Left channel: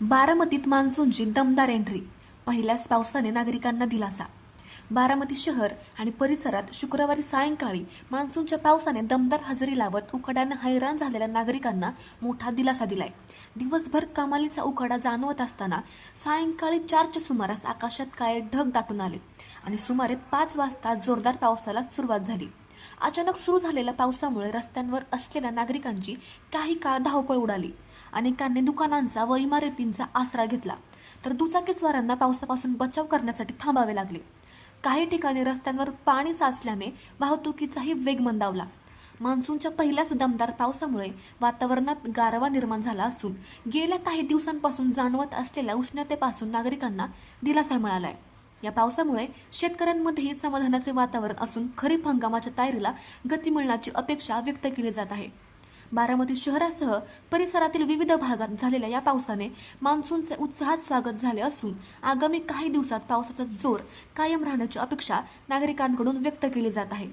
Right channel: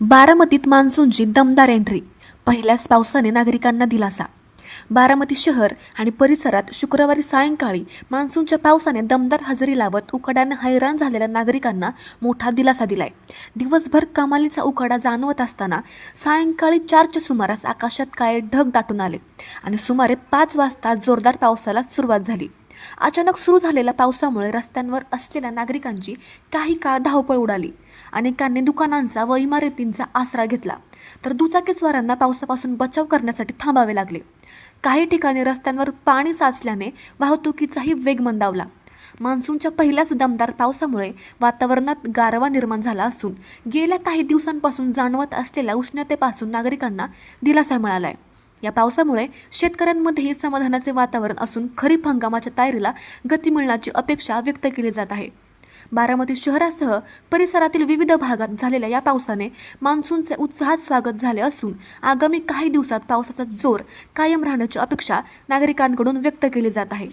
बारामतीत मान्सूनची दमदार एंट्री. पहिल्याच पावसाने नागरिकांना दिलासा. बारामती शहर आणि परिसरात शुक्रवारी सायंकाळी मान्सूनच्या पावसाने दमदार हजेरी लावत उकाड्याने हैराण झालेल्या नागरिकांना मोठा दिलासा दिलाय. दिवसभर कमालीचा उकाडा जाणवत असताना सायंकाळी 4च्या सुमारास आकाशात काळे ढग दाटून आले आणि सुमारे 5 वाजता जोरदार पावसाला सुरुवात झाली. अचानक सुरू झालेल्या पावसामुळे रस्त्यांवर असलेल्या नागरिकांची काही काळ धावपळ उडाली. अनेकांनी दुकानांचा व इमारतींचा आसरा घेतला, तर दुचाकीस्वारांना पावसापासून बचाव करण्यासाठी थांबावे लागले. काही ठिकाणी रस्त्यांवर पाणी साचल्याने वाहतुकीचाही वेग मंदावला. मान्सूनच्या पहिल्याच दमदार पावसामुळे वातावरणात गारवा निर्माण झाला असून गेल्या काही दिवसांपासून जाणवत असलेल्या उष्णतेपासून नागरिकांना दिलासा मिळाला आहे. या पावसामुळे शेतकऱ्यांमध्येही समाधानाचे वातावरण असून खरीप हंगामाच्या तयारीला गती मिळण्याची अपेक्षा व्यक्त केली जात आहे. बारामती शहरासह परिसरातील विविध भागात झालेल्या या पावसाने मान्सूनचे उत्साहात स्वागत झाले असून आगामी काही दिवसात पावसाचा जोर कायम राहण्याची अपेक्षा नागरिकांकडून व्यक्त केली जात आहे.